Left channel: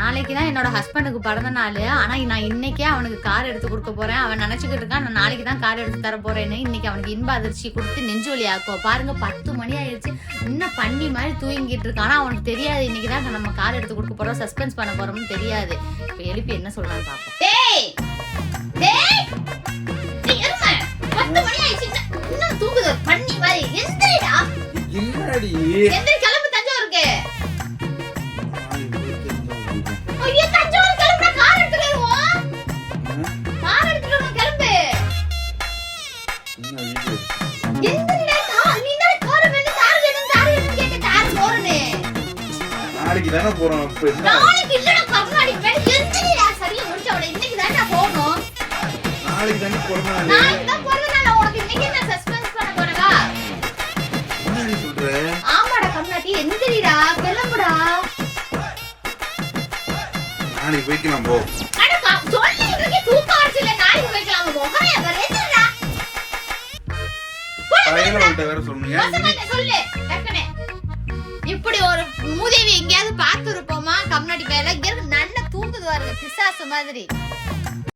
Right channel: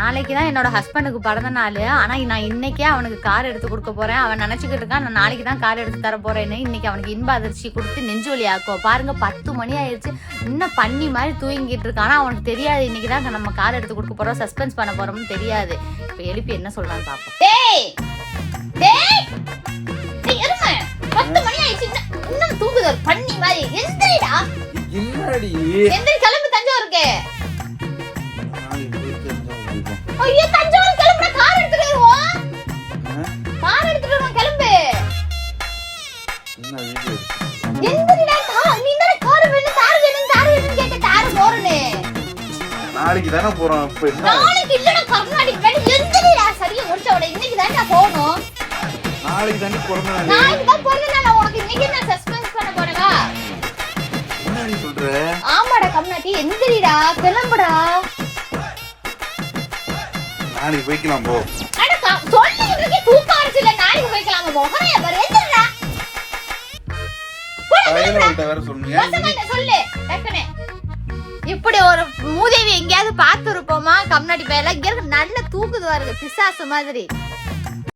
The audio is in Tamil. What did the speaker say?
நாளைக்கு தான் என்னோட ஹஸ்பண்டுக்கு பிறந்த நாள். ஆனா நான் இன்னைக்கே அவனுக்கு கார் எடுத்து கொடுக்க போறேன். அவன் நினைச்சுக்கிட்டு இருக்கான் நான் நாளைக்கு தான் கார் எடுத்து தர போறேன்னு. இன்னைக்கு அவனுக்கு இன்ப அதிர்ச்சி கொடுத்து நெஞ்சு வலி ஆக்கும். பாருங்க 10 மணி ஆயிடுச்சு, இன்னும் பண்ணி மாதிரி தூங்கிட்டு இருக்கான். ஆனா அவனுக்கு தெரியாது இன்னைக்கு தான் நம்ம கார் எடுத்து கொடுக்க போறோம், சஸ்பென்ஸ் பண்ண போறோம்னு தெரியாது. இப்ப எழுப்பி என்ன சொல்றான்னு பாப்போம். டேய் டேய் டேய் எருமை, 10 மணி ஆயிடுச்சு, இன்னும் தூங்குது பண்ணி மாதிரி. எந்திரிடா. என்னடி எந்திரி, கிளம்பு தஞ்சாவூருக்கு. ஐயோ தஞ்சாவூர் கிளம்புற, கார் எடுத்துடுவோம். கார் எடுத்துடுவோம், கிளம்பு. எந்திரிடா. நீ தான கார் வேணும் கார் கேட்ட கார் போறனே. நாளைக்கு தான போறோம். இப்ப என்ன நாளைக்கு இல்லடா, கர்நாடக வேணும். எந்திரிடா. சரியா முடிச்சவளே, இன்னைக்கு தான் போறோம். நாளைக்கு தான போறோம். நாளைக்கு தான் போறோம். நான் உனக்கு இன்னைக்கு நான் சஸ்பென்ஸ் பண்ண போறேடா. என்னடி சொல்ற? ஆமாடா கம்னாட்டி, எந்திரிடா, கிளம்புடா. நாளைக்கு போய்க்கலாம் போ. அட சொல்லிட்டு தூக்கம் வரல, நாளைக்கு போய்க்கலாம் மொகரைய வரேடா. பையனோட வேற சொன்னியா? சொல்லு டக்கனே. இப்படி ஒரு மூதேவி எங்கயாவது பார்த்து இருப்போமா? கம்னாட்டி பையல இங்க நல்ல தூக்குது பாருங்க, பிசாசு மாதிரி.